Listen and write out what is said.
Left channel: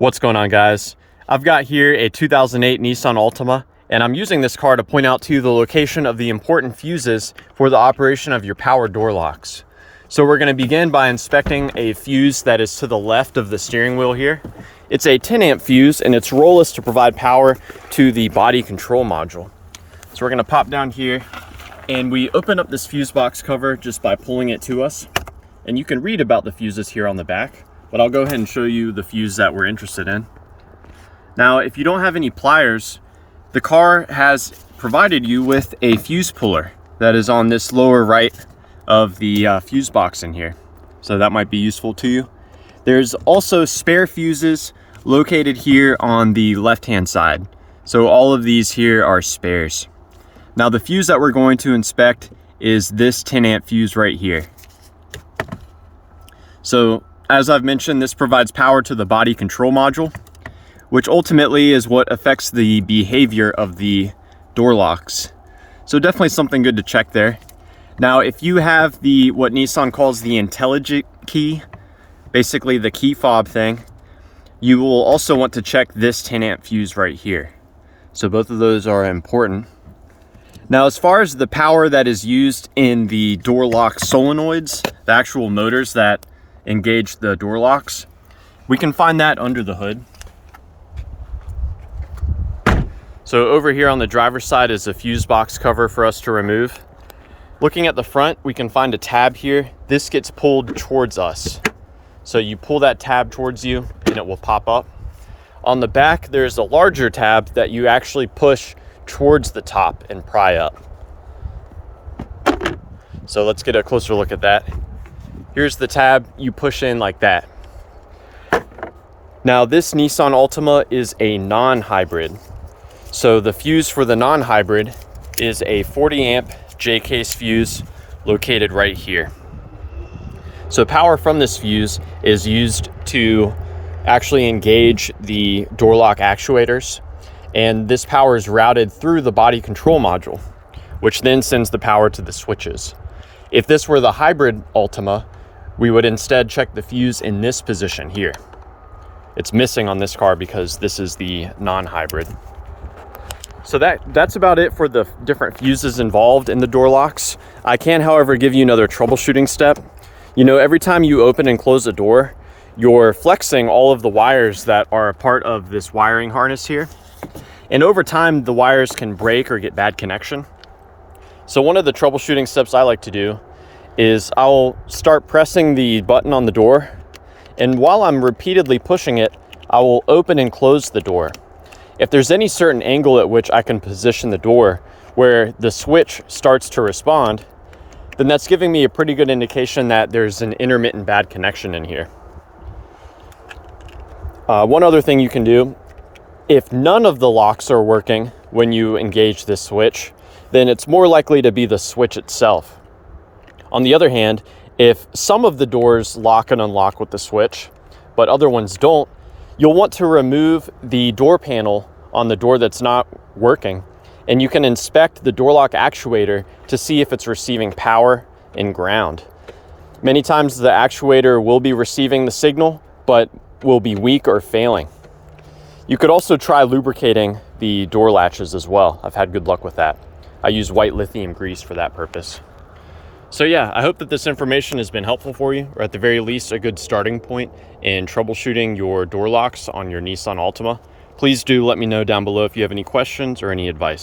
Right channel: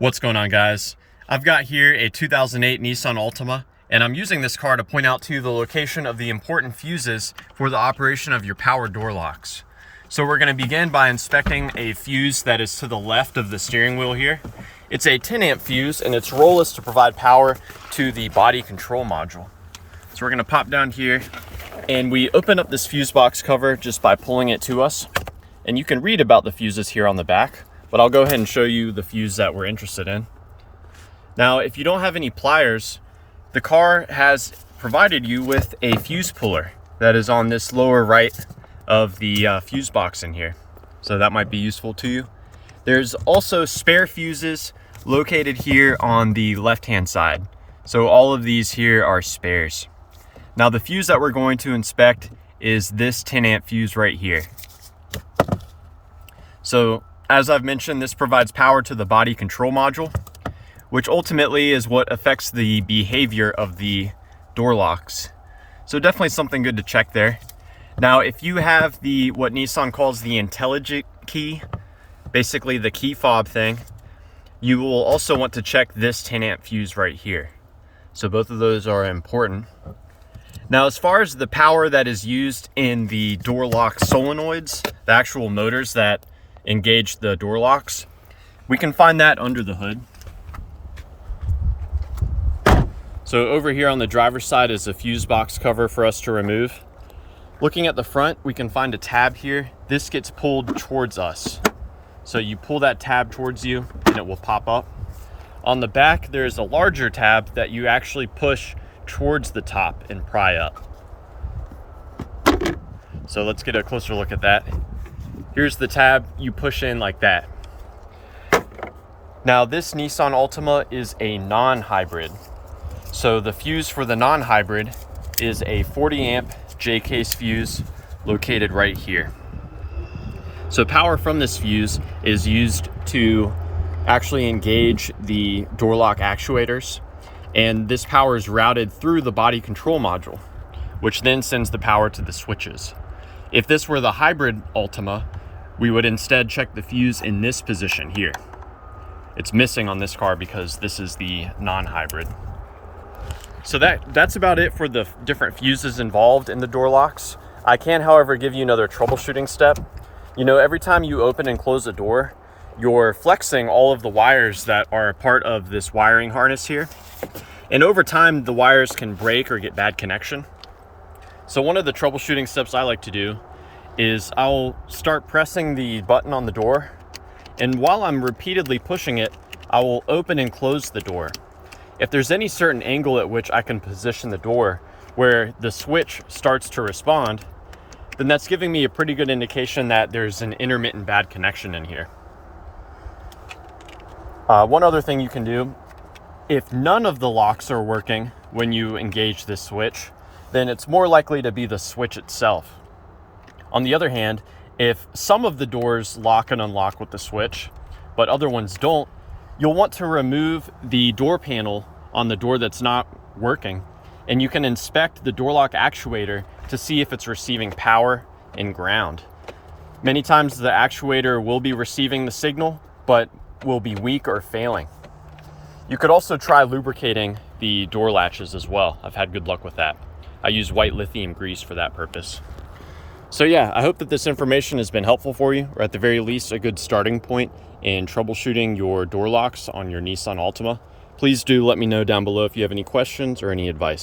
What's going on, guys? I've got here a 2008 Nissan Altima, and I'm using this car to point out to you the location of the important fuses for the operation of your power door locks. So we're going to begin by inspecting a fuse that is to the left of the steering wheel here. It's a 10 amp fuse, and its role is to provide power to the body control module. So we're going to pop down here, and we open up this fuse box cover just by pulling it to us. And you can read about the fuses here on the back, but I'll go ahead and show you the fuse that we're interested in. Now, if you don't have any pliers, the car has provided you with a fuse puller that is on this lower right of the fuse box in here. So that might be useful to you. There's also spare fuses located here on the left-hand side. So all of these here are spares. Now, the fuse that we're going to inspect is this 10 amp fuse right here. So as I've mentioned, this provides power to the body control module, which ultimately is what affects the behavior of the door locks. So definitely something good to check there. Now, if you have what Nissan calls the intelligent key, basically the key fob thing, you will also want to check this 10 amp fuse right here. So both of those are important. Now, as far as the power that is used in the door lock solenoids, the actual motors that engage the door locks, we can find that under the hood. So over here on the driver's side is a fuse box cover for us to remove. Looking at the front, we can find a tab here. This gets pulled towards us. So you pull that tab towards you and it will pop up. On the back, there's a larger tab that you actually push towards the top and pry up. So let's get a closer look at that. Here's the tab, you push in like that. Now, this Nissan Altima is a non-hybrid. So the fuse for the non-hybrid is a 40 amp J-case fuse located right here. So power from this fuse is used to actually engage the door lock actuators, and this power is routed through the body control module, which then sends the power to the switches. If this were the hybrid Altima, we would instead check the fuse in this position here. It's missing on this car because this is the non-hybrid. So that's about it for the different fuses involved in the door locks. I can, however, give you another troubleshooting step. You know, every time you open and close a door, you're flexing all of the wires that are a part of this wiring harness here. And over time, the wires can break or get bad connection. So one of the troubleshooting steps I like to do is I'll start pressing the button on the door, and while I'm repeatedly pushing it, I will open and close the door. If there's any certain angle at which I can position the door where the switch starts to respond, then that's giving me a pretty good indication that there's an intermittent bad connection in here. One other thing you can do, if none of the locks are working when you engage this switch, then it's more likely to be the switch itself. On the other hand, if some of the doors lock and unlock with the switch, but other ones don't, you'll want to remove the door panel on the door that's not working, and you can inspect the door lock actuator to see if it's receiving power and ground. Many times the actuator will be receiving the signal, but will be weak or failing. You could also try lubricating the door latches as well. I've had good luck with that. I use white lithium grease for that purpose. So yeah, I hope that this information has been helpful for you, or at the very least, a good starting point in troubleshooting your door locks on your Nissan Altima. Please do let me know down below if you have any questions or any advice.